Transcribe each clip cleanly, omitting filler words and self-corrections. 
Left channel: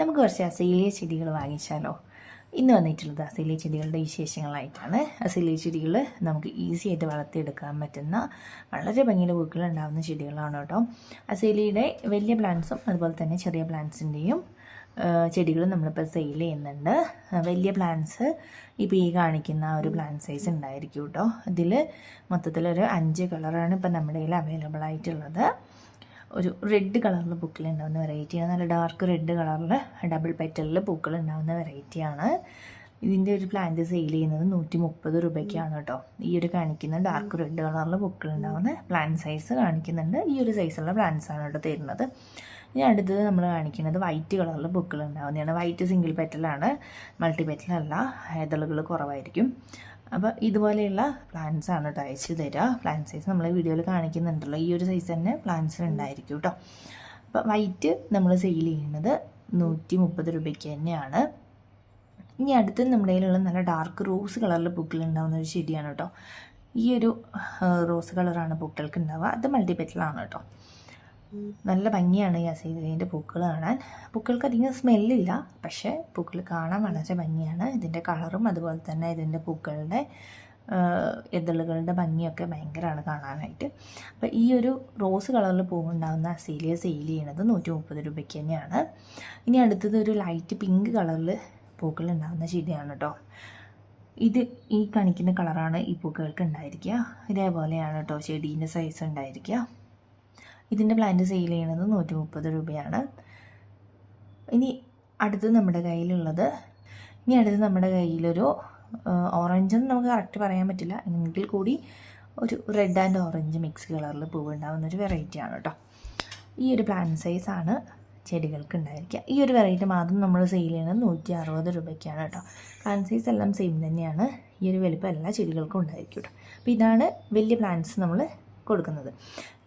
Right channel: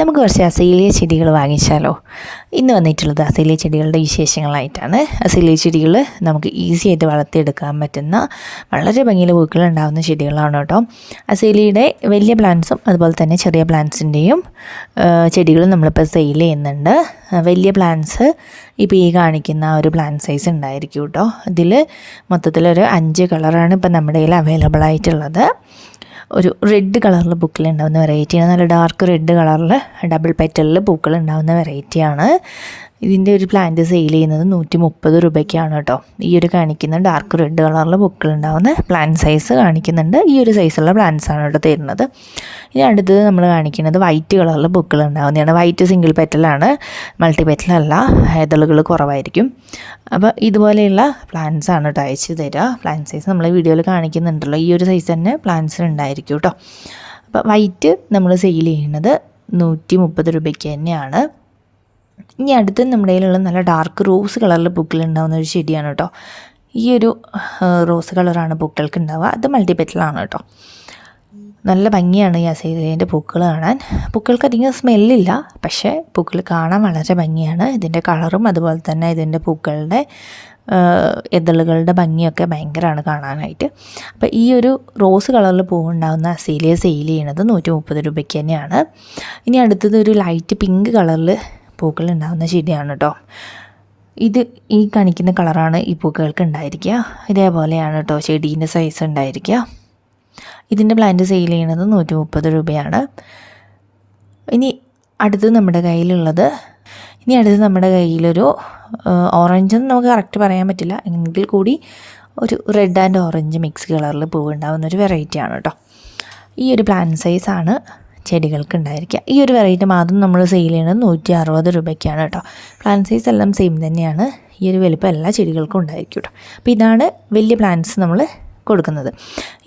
നമുക്ക് കുറച്ച് അസീലിയ ചെടികൾ വാങ്ങിച്ചാലോ? ഇന്ന് വന്നിട്ടുള്ളത് അസീലിയ ചെടികളുടെ വിശേഷങ്ങളായിട്ടാണ്. അസീലിയ ചെടികൾ നമുക്ക് ഈസി ആയിട്ട് വളർത്തിയെടുക്കാൻ പറ്റുന്ന വളരെ ഭംഗിയുള്ള പൂക്കൾ ഉണ്ടാകുന്ന ചെടികളാണ് കേട്ടോ. അസീലിയുടെ വലിയ പ്ലാന്റ്സും അതുപോലെ തന്നെ ചെറിയ പ്ലാന്റ്സിൻ്റെയും ചെടികൾ നമ്മളിപ്പോൾ സെയിൽ ചെയ്യുന്നുണ്ട്. വലിയ പ്ലാന്റ്സ് ഇപ്പോൾ ഈ കാണിക്കുന്ന ഒരു പ്ലാന്റ് സൈസ് ഉണ്ടായിരിക്കും കേട്ടോ. ഇതിൽ മൊത്തത്തിലൊരു 5 കളറാണ് ഇപ്പോൾ നമ്മുടെ കയ്യിൽ അവൈലബിൾ ആയിട്ടുള്ളത്. ഒരു റെഡ് കളറിൽ പൂക്കൾ ഉണ്ടാകുന്ന വെറൈറ്റിയാണ്. നല്ല ഡാർക്ക് റെഡ് കളറിൽ ഡബിൾ പെറ്റലിൽ പൂക്കൾ ഉണ്ടാകുന്ന വെറൈറ്റിയാണ്. ഇതിൻ്റെ ഒരു പ്ലാന്റ് സെയിൽ ചെയ്യുന്നത് 130 രൂപയ്ക്കാണ് കേട്ടോ. ഈ ഒരു കാണിക്കുന്ന ഡാർക്ക് റെഡ് കളറിൽ പൂക്കൾ ഉണ്ടാകുന്ന പ്ലാന്റ് സൈസ് കാണിക്കുന്നുണ്ട്. ഈ ഒരു സൈസുള്ള പ്ലാന്റ്സാണ് കേട്ടോ തരുന്നത്. ഇനി അടുത്തത് നമ്മൾ കാണിക്കുന്നത് വൈറ്റ് കളറിൽ പൂക്കൾ ഉണ്ടാകുന്നതാണ്. വൈറ്റ് സിംഗിൾ പെറ്റലാണ്, മൾട്ടി പെറ്റലല്ല, ഇതളുകൾ കുറവായിരിക്കും. അപ്പോൾ ഇതുപോലെയുള്ള പ്ലാന്റ്സ് ആണ് കേട്ടോ അയച്ച് തരിക. പ്ലാന്റ് സൈസ് നമ്മൾ വീഡിയോയിൽ കാണിക്കുന്നുണ്ടല്ലോ, ഈ ഒരു സൈസ് തന്നെ പ്ലാന്റ്സിന് ഉണ്ടായിരിക്കും കേട്ടോ. അപ്പോൾ വൈറ്റ് നമ്മൾ സെയിൽ ചെയ്യുന്നത് 130 രൂപയ്ക്ക് തന്നെയാണ്. ഇനി അടുത്ത് നമ്മുടെ കയ്യിലുള്ള നല്ല ഡാർക്ക് റോസ് കളറിൽ പൂക്കൾ ഉണ്ടാകുന്ന ഒരു ചെടിയാണ് കേട്ടോ. ഈ ഒരു റോസ് കളറാണ് പൂക്കൾക്ക് ഉണ്ടാവുക. അത് മൾട്ടി പെറ്റലാണ് കേട്ടോ. നല്ല ഭംഗിയാണ് ഈ അസീലിയേൻ്റെ പൂക്കൾ കാണാൻ. പൂക്കൾക്ക് അധികം സ്മെല്ലില്ല, പക്ഷേ പൂക്കൾ കാണാൻ വളരെ ഭംഗിയാണ്. ഇതിൻ്റെ കളറും അതുപോലെ തന്നെ ഇതിൻ്റെ പൂക്കളുടെ ഇതളുകളുടെ ഭംഗിയൊക്കെ ഭയങ്കരമാണ് കാണാനായിട്ട്. അപ്പോൾ ഈ ഒരു റോസ് കളറിൽ പൂവുണ്ടാകുന്ന അസീലിയ സെയിൽ ചെയ്യുന്നത് 130 രൂപയ്ക്ക് തന്നെയാണ്. ഇനി അടുത്തത് ഒരു ലൈറ്റ് പിങ്ക് കളറിൽ പൂക്കൾ ഉണ്ടാകുന്ന ചെടിയാണ് കേട്ടോ. ഇത് ഈ കാണിക്കുന്ന കളറാണ് ഈ പൂക്കൾക്ക് ഉണ്ടായിരിക്കുക. ഇതേപോലെയാണ് കേട്ടോ ചെടീൻ്റെ സൈസ് ഉണ്ടായിരിക്കുക. ഇതിൻ്റെ പ്ലാന്റ് സെയിൽ ചെയ്യുന്നത് 130 രൂപയാണ്. ഇനി അടുത്ത് നമ്മുടെ കയ്യിലൊരു ഓറഞ്ചെന്ന് നമുക്ക് കറക്റ്റ് പറയാൻ പറ്റില്ല, എങ്കിൽ കൂടി ഒരു റെഡ് ആൻഡ് ഓറഞ്ച് മിക്സ് കളറിൽ പൂവുണ്ടാകുന്ന ഒരു വെറൈറ്റിയാണ് കേട്ടോ. ഈ ഒരു പ്ലാന്റ് സൈസാണ് ചെടികൾക്ക് ഉണ്ടായിരിക്കുക. ഈ ഒരു വെറൈറ്റി മാത്രം നമ്മൾ സെയിൽ ചെയ്യുന്നത് 160 രൂപയ്ക്കാണ് കേട്ടോ. പ്ലാന്റ് സൈസ് എല്ലാം സെയിം തന്നെയാണ്. ഈ ഒരു വലുപ്പം എല്ലാ ചെടികൾക്കും ഉണ്ടായിരിക്കും കേട്ടോ. അപ്പോൾ ഇതാണ് വലിയ പ്ലാന്റ്സ് നമ്മൾ കൊടുക്കുന്നത്.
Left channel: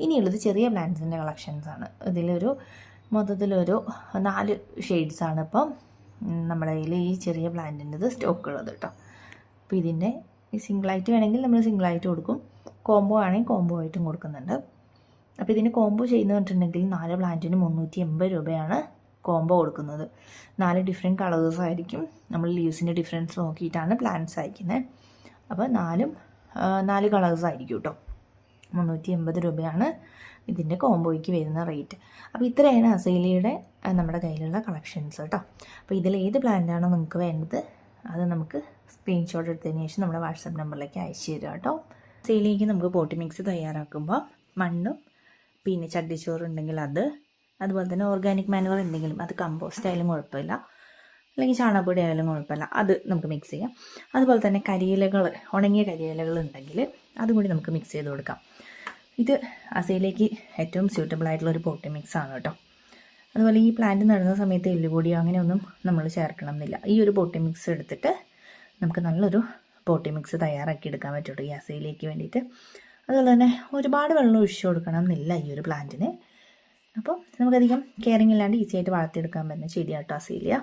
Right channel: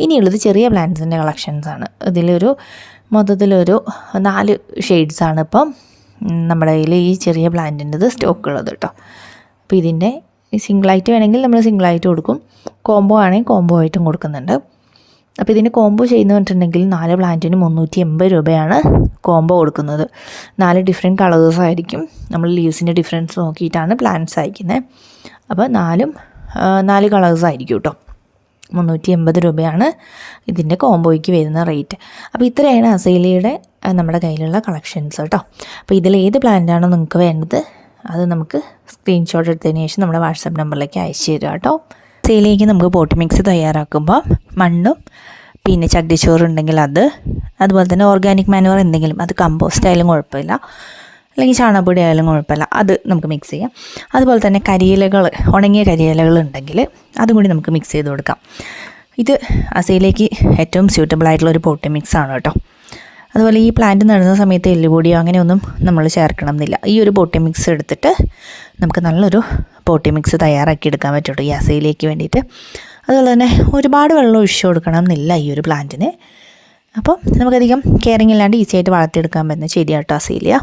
ഇനിയുള്ളത് ചെറിയ പ്ലാന്റ്സിൻ്റെ കളക്ഷൻസാണ്. ഇതിലൊരു മൊത്തത്തിലൊരു 4 ഷെയ്ഡ്സാണ് ഇപ്പം നമ്മുടെ കയ്യിൽ ഈ ചെറിയ പ്ലാന്റിൻ്റെത് സ്റ്റോക്ക് ഉള്ളത് കേട്ടോ. അപ്പോൾ ഇതിൻ്റെ സിംഗിളായിട്ട് വേണമെങ്കിൽ നമ്മൾ സിംഗിളായിട്ട് കൊടുക്കും, കോംബോ ആണെങ്കിൽ കോംബോ ആയിട്ടും കൊടുക്കുന്നുണ്ട്. അപ്പോൾ ഇതിന് കോംബോ ചെയ്യുന്ന പറഞ്ഞിട്ടുണ്ടെങ്കിൽ 4 പ്ലാന്റിന് 380 രൂപയാണ് കോംബോ കൊടുക്കുന്നത്. 4 ഡിഫറെൻറ്റ് കളേഴ്സായിരിക്കും. നമ്മൾ ലീവ്സിൻ്റെ ഡിഫറൻസ് നോക്കിയിട്ടാണ് പ്ലാന്റ്സ് അയക്കുന്നത്. അപ്പോൾ 4 കളേഴ്സായിരിക്കും കേട്ടോ. 380 രൂപയാണ് ഇതിൻ്റെ കോംബോയ്ക്ക് വരുന്ന റേറ്റ്. അപ്പോൾ ഇത്രയാണ് അസീലിയയുടെ നമ്മുടെ കയ്യിലുള്ള കളക്ഷൻസ് കേട്ടോ. അപ്പോൾ ഇതിലേത് പ്ലാന്റാണോ നിങ്ങൾക്ക് വേണ്ടത് അത് നമുക്ക് സ്ക്രീൻഷോട്ട് എടുത്തതിന് ശേഷം നമ്മുടെ വാട്സാപ്പ് നമ്പറിലേക്ക് അയച്ചു തരിക കേട്ടോ. അസീലിയയ്ക്ക് നമുക്ക് പോട്ട് മിക്സ് തയ്യാറാക്കുമ്പോൾ മണ്ണും പിന്നെ ചകിരിച്ചോറുണ്ടെങ്കിൽ അതുപോലെ തന്നെ ഓർഗാനിക് മാനുവർ എന്തെങ്കിലും, അത് കമ്പോസ്റ്റ് ആയാലും കുഴപ്പമില്ല, അല്ലെങ്കിൽ ചാണകപ്പൊടി ആയാലും കുഴപ്പമില്ല, അത് നമുക്ക് മിക്സ് ചെയ്യാം. അതുപോലെ തന്നെ ഉണങ്ങിയ കരിയിലകൾ ഉണ്ടെങ്കിൽ അതും കൂടി നമുക്ക് മിക്സ് ചെയ്ത് കൊടുക്കാം. ഇത് അസീലിയയ്ക്ക് ഏറ്റവും സ്യൂട്ടബിൾ ആയിട്ടുള്ള ഒരു പോട്ടി മിക്സ് ആണ് കേട്ടോ. അതുപോലെ ഈ പ്ലാന്റ് നടുന്ന സമയത്ത് എല്ലുപൊടിയോ അങ്ങനെയൊന്നും നമ്മൾ ചേർക്കണം എന്നില്ല. ഈ ഒരു പോട്ടി മിക്സ് എടുത്തിട്ട് നമുക്ക് നല്ലൊരു പോട്ടി മിക്സ് തയ്യാറാക്കി എടുക്കാൻ പറ്റുള്ളൂ ഈ അസീലിയയ്ക്ക് വേണ്ടിയിട്ട്. അതുപോലെ തന്നെ ഒരുപാട് വെള്ളം ഒഴിച്ചു കൊടുക്കണം എന്നില്ല ഈ ഒരു പ്ലാന്റിന്. അപ്പോൾ നമുക്കധികം കെയറിങ് ഇല്ലാണ്ട് ഈസി ആയിട്ട് വളർത്തിയെടുക്കാൻ പറ്റുന്ന ചെടിയാട്ടോ അസീലിയ.